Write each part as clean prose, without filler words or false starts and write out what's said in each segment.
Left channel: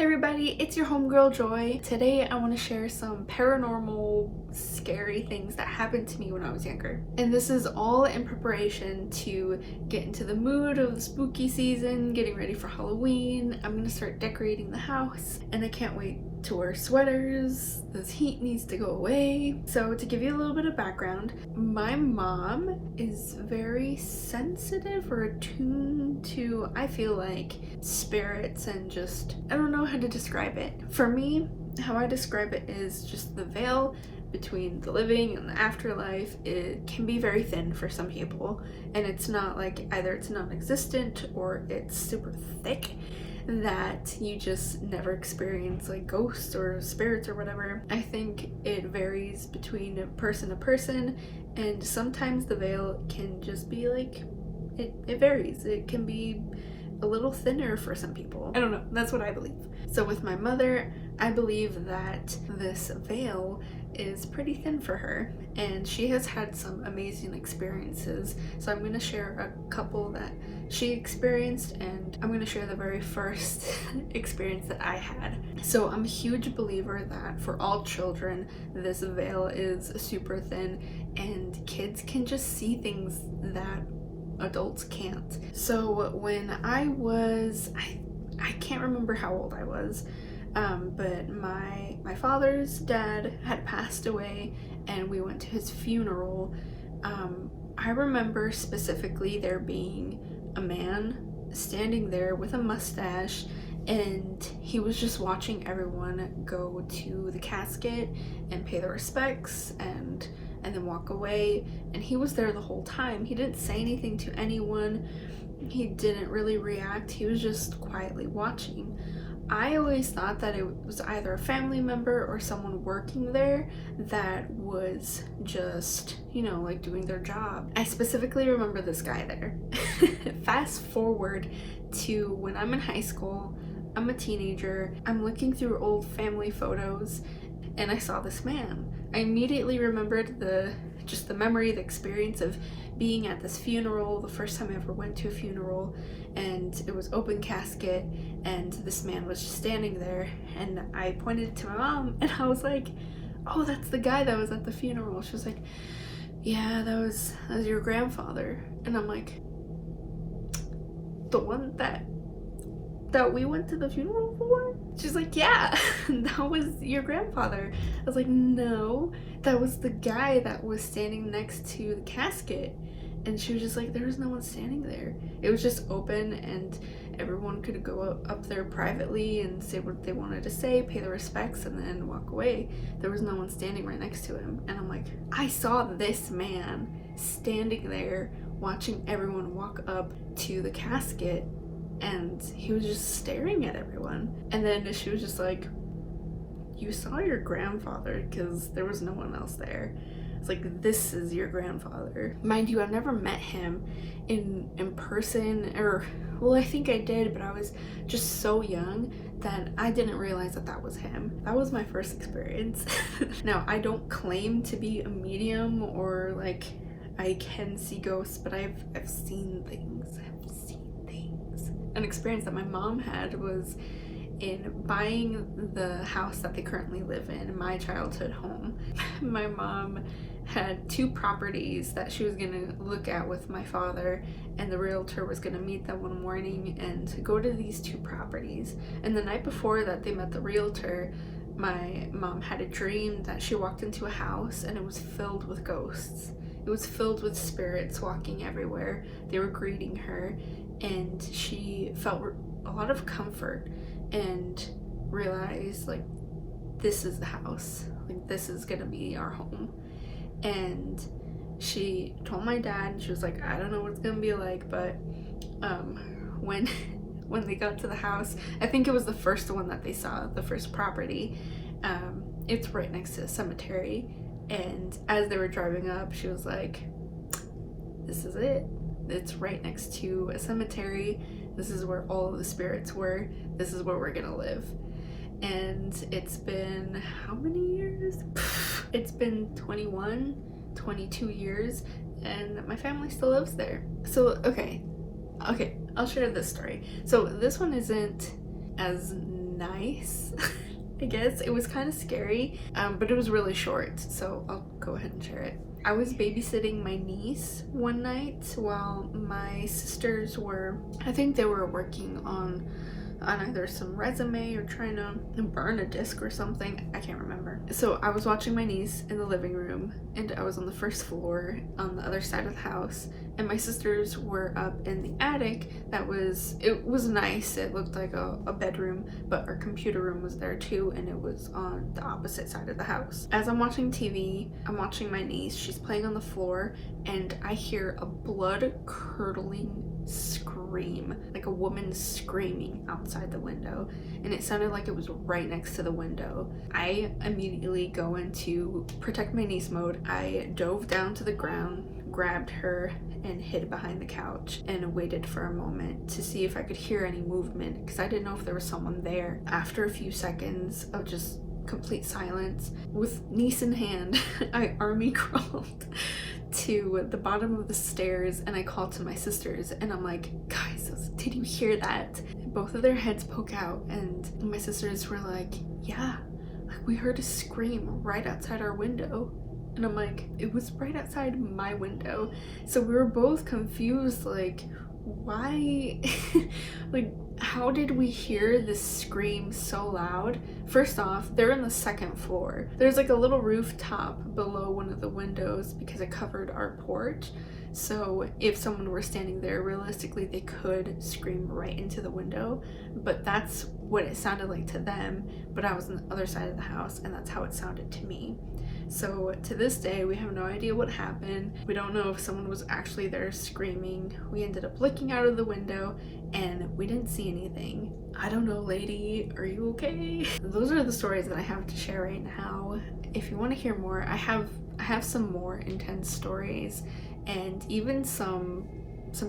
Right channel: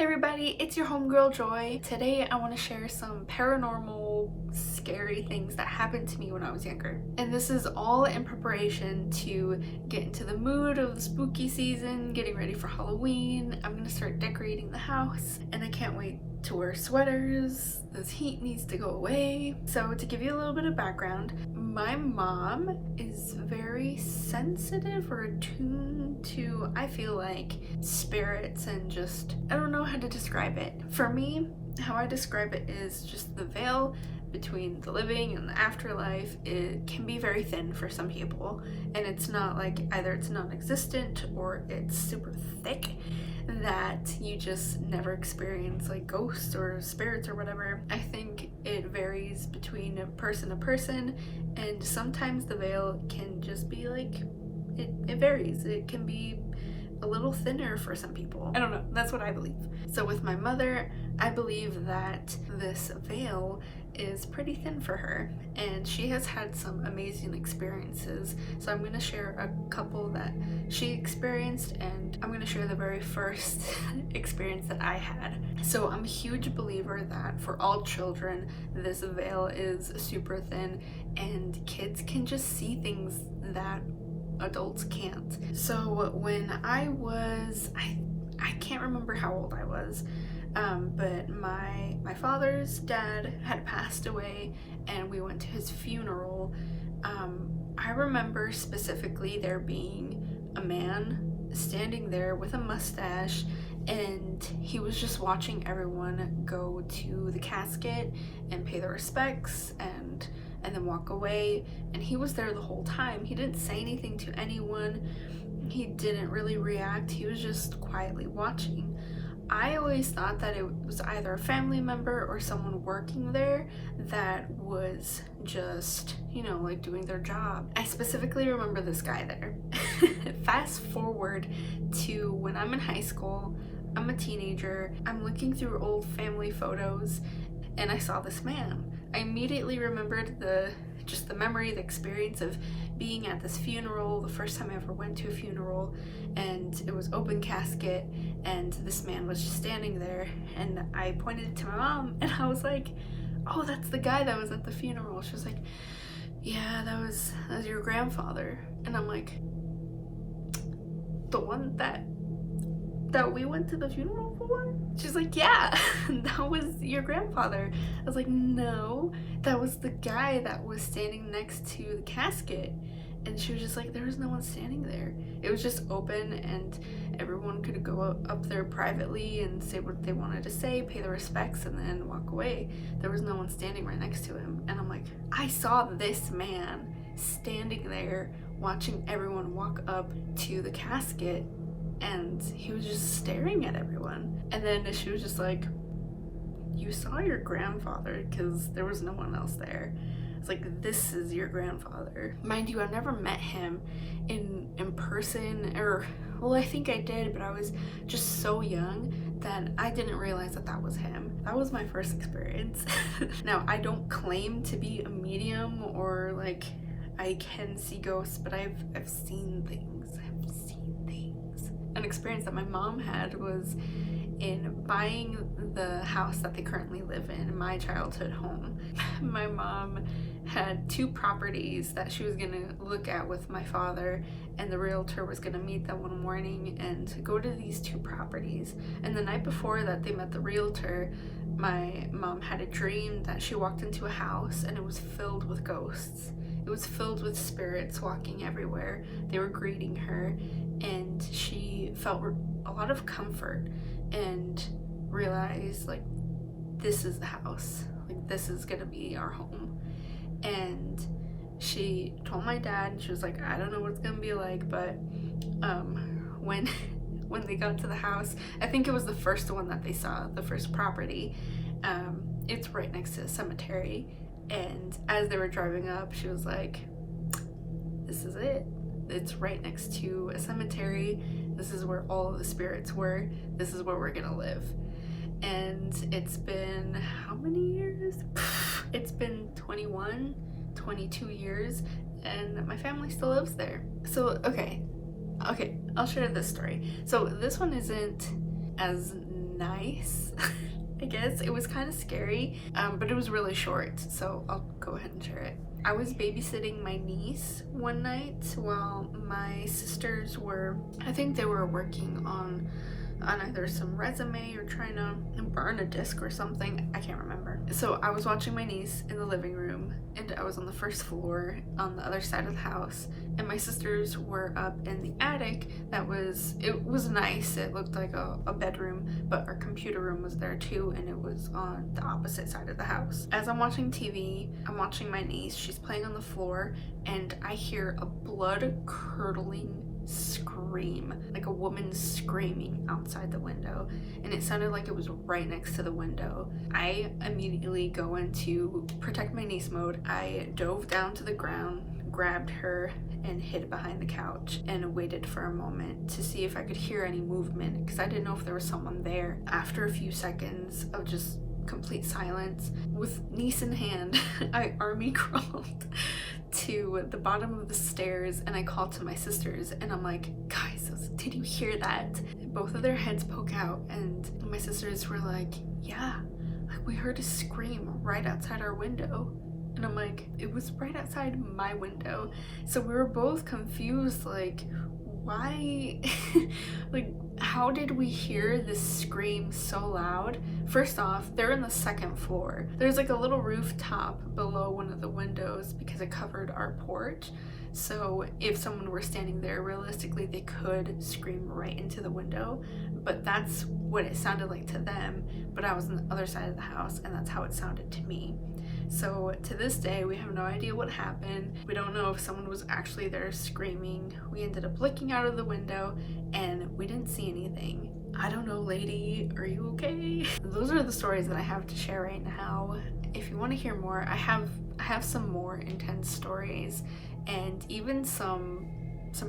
Hey everybody, it's your homegirl Joy. Today I want to share some paranormal, scary things that happened to me when I was younger. And this is all in preparation to get into the mood of the spooky season, getting ready for Halloween. I'm gonna start decorating the house and I can't wait to wear sweaters. This heat needs to go away. So to give you a little bit of background, my mom is very sensitive or attuned to, I feel like, spirits and just, I don't know how to describe it. For me, how I describe it is just the veil between the living and the afterlife. It can be very thin for some people, and it's not like either it's non-existent or it's super thick that you just never experience like ghosts or spirits or whatever. I think it varies between person to person, and sometimes the veil can just be like, it varies. It can be a little thinner for some people. I don't know, that's what I believe. So with my mother, I believe that this veil is pretty thin for her, and she has had some amazing experiences. So I'm going to share a couple that she experienced, and I'm going to share the very first experience that I had. So I'm a huge believer that for all children, this veil is super thin, and kids can just see things that adults can't. So when I can't remember how old I was, but my father's dad had passed away and we went to his funeral. I remember specifically there being a man standing there with a mustache, and he was just watching everyone go to the casket and pay their respects and then walk away. And he was there the whole time. He didn't say anything to anyone. He didn't really react. He was just quietly watching. I always thought that it was either a family member or someone working there that was just, like doing their job. I specifically remember this guy there. Fast forward to when I'm in high school, I'm a teenager, I'm looking through old family photos, and I saw this man. I immediately remembered the memory, the experience of being at this funeral, the first time I ever went to a funeral, and it was open casket, and this man was just standing there, and I pointed to my mom, and I was like, oh, that's the guy that was at the funeral. She was like, yeah, that was your grandfather. And I'm like, the one that we went to the funeral for? She's like, yeah, that was your grandfather. I was like, no, that was the guy that was standing next to the casket. And she was just like, there was no one standing there. It was just open, and everyone could go up there privately and say what they wanted to say, pay their respects, and then walk away. There was no one standing right next to him. And I'm like, I saw this man standing there watching everyone walk up to the casket, and he was just staring at everyone. And then she was just like, you saw your grandfather because there was no one else there. It's like, this is your grandfather. Mind you, I've never met him in person, or, well, I think I did, but I was just so young that I didn't realize that was him. That was my first experience. Now, I don't claim to be a medium or like I can see ghosts, but I've seen things. An experience that my mom had was in buying the house that they currently live in my childhood home. My mom had two properties that she was gonna look at with my father, and the realtor was gonna meet them one morning and go to these two properties. And the night before that they met the realtor, my mom had a dream that she walked into a house and it was filled with ghosts. It was filled with spirits walking everywhere. They were greeting her, and she felt a lot of comfort and realized, like, this is the house. Like, this is gonna be our home. And she told my dad, and she was like, I don't know what it's gonna be like, but when they got to the house, I think it was the first one that they saw, the first property, it's right next to a cemetery. And as they were driving up, she was like, this is it. It's right next to a cemetery. This is where all of the spirits were. This is where we're gonna live. And it's been how many years? It's been 21, 22 years, and my family still lives there. So, okay, I'll share this story. So this one isn't as nice. I guess it was kind of scary, but it was really short, so I'll go ahead and share it. I was babysitting my niece one night while my sisters were, I think they were working on either some resume or trying to burn a disc or something. I can't remember. So I was watching my niece in the living room, and I was on the first floor on the other side of the house, and my sisters were up in the attic. It was nice. It looked like a bedroom, but our computer room was there too, and it was on the opposite side of the house. As I'm watching TV, I'm watching my niece. She's playing on the floor, and I hear a blood-curdling scream, like a woman screaming outside the window, and it sounded like it was right next to the window. I immediately go into protect my niece mode. I dove down to the ground, grabbed her, and hid behind the couch and waited for a moment to see if I could hear any movement, because I didn't know if there was someone there. After a few seconds of just complete silence, with niece in hand, I army crawled to the bottom of the stairs, and I called to my sisters, and I'm like, guys, did you hear that? Both of their heads poke out, and my sisters were like, yeah, like we heard a scream right outside our window. And I'm like, it was right outside my window. So we were both confused, like, why? Like, how did we hear this scream so loud? First off, they're in the second floor. There's like a little rooftop below one of the windows because it covered our porch. So if someone were standing there, realistically they could scream right into the window, but that's what it sounded like to them. But I was on the other side of the house, and that's how it sounded to me. So to this day, we have no idea what happened. We don't know if someone was actually there screaming. We ended up looking out of the window and we didn't see anything. I don't know, lady, are you okay? Those are the stories that I have to share right now. If you want to hear more, I have some more intense stories, and even some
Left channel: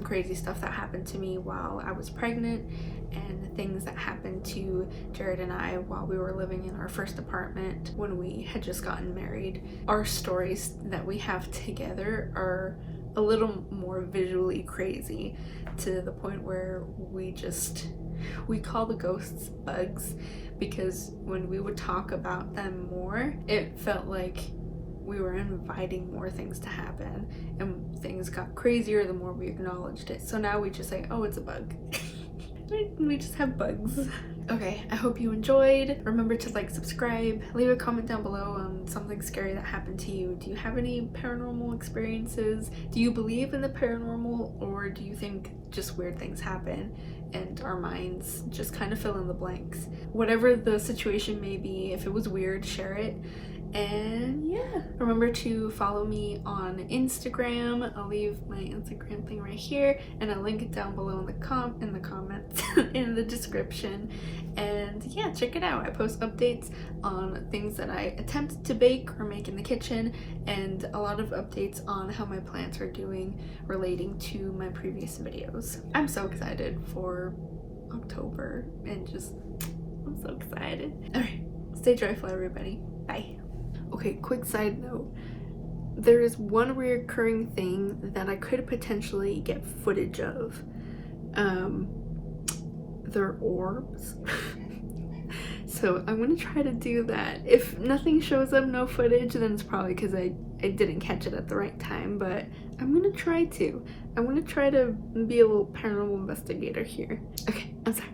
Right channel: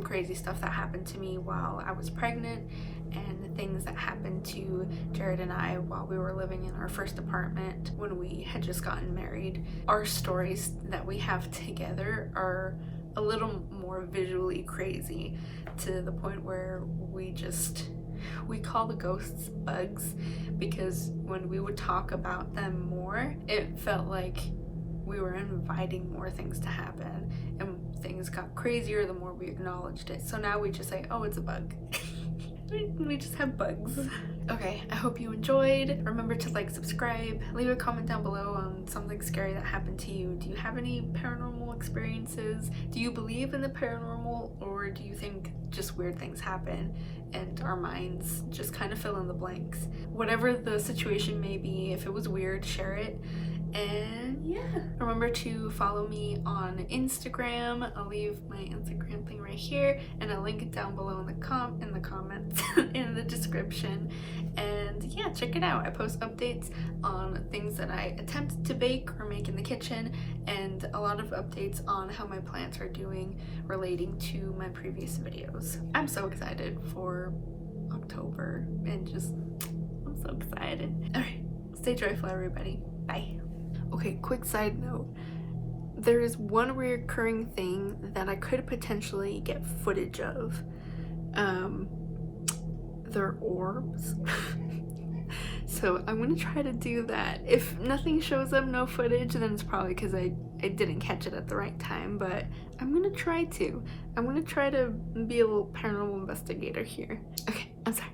crazy stuff that happened to me while I was pregnant, and things that happened to Jared and I while we were living in our first apartment when we had just gotten married. Our stories that we have together are a little more visually crazy, to the point where we call the ghosts bugs, because when we would talk about them more, it felt like we were inviting more things to happen, and things got crazier the more we acknowledged it. So now we just say, oh, it's a bug. We just have bugs. Okay, I hope you enjoyed. Remember to like, subscribe, leave a comment down below on something scary that happened to you. Do you have any paranormal experiences? Do you believe in the paranormal, or do you think just weird things happen and our minds just kind of fill in the blanks? Whatever the situation may be, if it was weird, share it. And yeah, remember to follow me on Instagram. I'll leave my Instagram thing right here, and I'll link it down below in the comments in the description. And yeah, check it out. I post updates on things that I attempt to bake or make in the kitchen, and a lot of updates on how my plants are doing relating to my previous videos. I'm so excited for October, and I'm so excited. Alright, stay joyful, everybody. Bye. Okay, quick side note. There is one recurring thing that I could potentially get footage of. They're orbs. So I'm gonna try to do that. If nothing shows up, no footage, then it's probably because I didn't catch it at the right time, but I'm gonna try to. I'm gonna try to be a little paranormal investigator here. Okay, I'm sorry.